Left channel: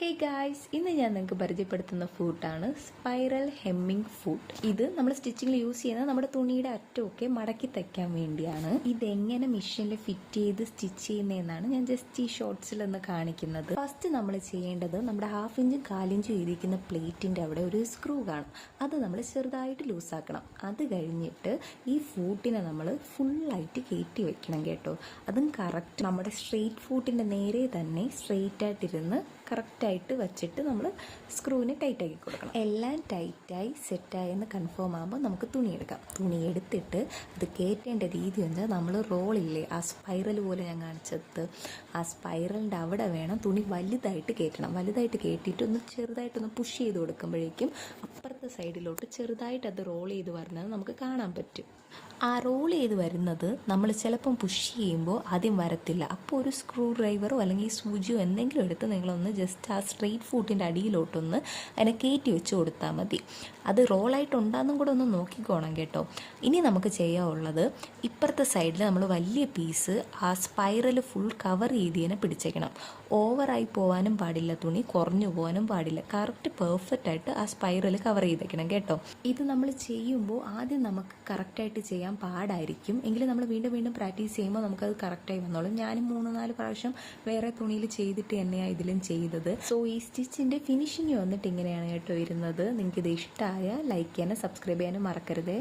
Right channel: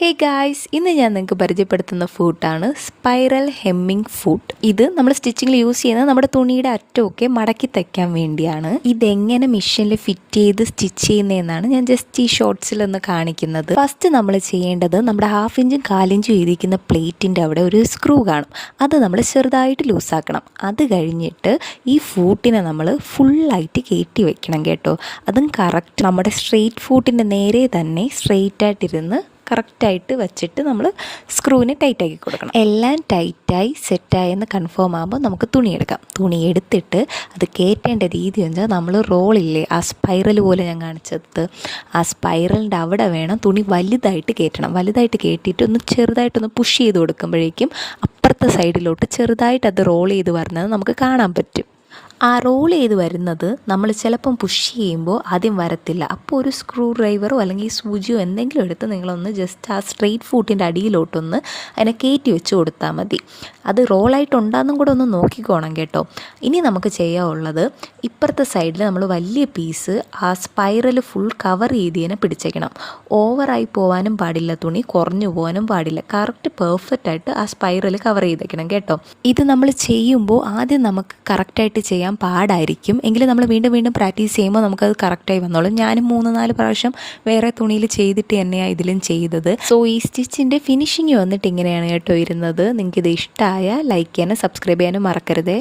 Hey guys, ഇന്ന് ഞാൻ നിങ്ങൾക്ക് പരിചയപ്പെടുത്തുന്ന ഫൂട്ടാണ് സ്പൈറൽ ഹെമ്മിങ് ഫൂട്ട്. ഇത് നമ്മൾ സ്റ്റിച്ചിങ്ങിൽ യൂസ് ചെയ്യുന്നത് നമ്മുടെ തുണിയുടെ അറ്റമൊക്കെ മടക്കി തയ്ക്കാൻ വേണ്ടിയാണ്. ഇതെങ്ങനെ മെഷീനിൽ ഫിറ്റ് ചെയ്ത് സ്റ്റിച്ച് ചെയ്യുന്നതെന്നാണ് ഞാൻ ജസ്റ്റ് ഈ ഷോർട്സിലൊന്ന് കാണിക്കുന്നത്. ഫസ്റ്റ് നമ്മൾ ചെയ്യേണ്ടത് നമ്മുടെ 1/2 ഇഞ്ചും 1/4 ഇഞ്ചും ഇരിക്കുന്ന പ്ലേറ്റിൻ്റെ അവിടെ ഒരു സ്ക്രൂ കാണും. അത് നമ്മൾ ചെറുതായിട്ട് ലൂസാക്കണം. അത് കഴിഞ്ഞിട്ട് ഈ ഫൂട്ടിനെ നമ്മൾ ഫുള്ളായിട്ട് കയറ്റി വെക്കണം കേട്ടോ. അതും കറക്റ്റ് നമ്മുടെ സ്ട്രെയിറ്റ് ഫൂട്ടിൻ്റെ നേരെ തന്നെ സ്ട്രെയിറ്റ് ആയിട്ടിരുന്ന് കറക്റ്റായിട്ട് വെച്ചിട്ട് നമ്മൾ സ്ക്രൂവിനെ ടൈറ്റാക്കി കൊടുക്കണം. എല്ലാം ടൈറ്റായി സെറ്റായെന്ന് കൺഫേം ആകുമ്പോൾ നമുക്ക് തുണി എടുക്കാം. തുണി എടുത്തിട്ട് അത് കയറ്റേണ്ട രീതി വെച്ചാൽ നമ്മൾ റോളില്ലേ, ആ സ്പൈറൽ പോലെ ഞാൻ കാണിച്ചത്, ആ സ്പൈറലിൻ്റെ അവിടെ വേണം തുണി വലുതായിട്ട് കയറ്റണം. വലുതായിട്ട് കയറ്റിയിട്ട് ഒന്ന് ചെറുതായിട്ടൊന്ന് പുഷ് ചെയ്ത് കൊടുക്കുമ്പോഴേക്കും അപ്പുറത്തെ സൈഡിലോട്ട് ചെറുതായിട്ട് അത് റോൾ ചെയ്ത് വരുന്നത് നമുക്ക് കാണാൻ പറ്റും. ആ റോൾ ചെയ്ത് വരുന്നത് നമ്മൾ ചിലപ്പം പുഷ് ചെയ്യുമ്പോൾ ആദ്യം വരത്തില്ല. അപ്പോൾ ഒരു സ്ക്രൂ ഡ്രൈവറോ അല്ലെങ്കിൽ സൂചിയോ എന്തെങ്കിലും എടുത്ത് നിങ്ങളൊന്ന് ജസ്റ്റ് ആ സ്ട്രെയിറ്റ് ഫൂട്ടിൻ്റെ അടിയിലോട്ടൊന്ന് അതിനെ കയറ്റി വെച്ച് കൊടുത്താൽ മതി. അത് റോളായിട്ടുണ്ടാകുന്നും കൂടെ ഒന്ന് നോക്കിക്കോണം കേട്ടോ. ഇനി നമുക്ക് ചെയ്യാനുള്ളത്, ഇപ്പുറത്തെ സൈഡിൽ നമ്മൾ വലിയ പീസ് ആ സ്പൈറൽ ഫുൾ കവർ ചെയ്തതിനെ പിടിച്ചേക്കണം. ഓവറായി പോകാനും പാടില്ല, തുണി കുറഞ്ഞു പോകാനും പാടില്ല. കറക്റ്റ് പെർഫെക്റ്റായിട്ട് ആ സ്പൈറൽ കവർ ചെയ്തേക്കണം കേട്ടോ. ഇത് നമ്മൾ ചെയ്യുമ്പോൾ ആദ്യം നമുക്ക് കറക്റ്റായിട്ട് ചെയ്യാൻ പാടായിരിക്കും. എങ്കിലും നമ്മൾ വീണ്ടും വീണ്ടും പ്രാക്ടീസ് ചെയ്യുമ്പോൾ നമുക്കത് കറക്റ്റായി വന്നോളും. ഞാനും 3-4 പ്രാവശ്യം വേറെ തുണിയിൽ ചെയ്തിട്ട് തന്നെയാണ് ഇതിലും ചെയ്തത്. സോ ഈ സ്റ്റിച്ചിൻ്റെ ഫിനിഷിങ് വന്നിട്ട് ഇങ്ങനെയാണ് കേട്ടോ ഇരുന്നത്. നിങ്ങൾക്കിത് ഇഷ്ടമായ ലൈക്ക് ചെയ്യാനും സബ്സ്ക്രൈബ് ചെയ്യാനും മറക്കരുതേ.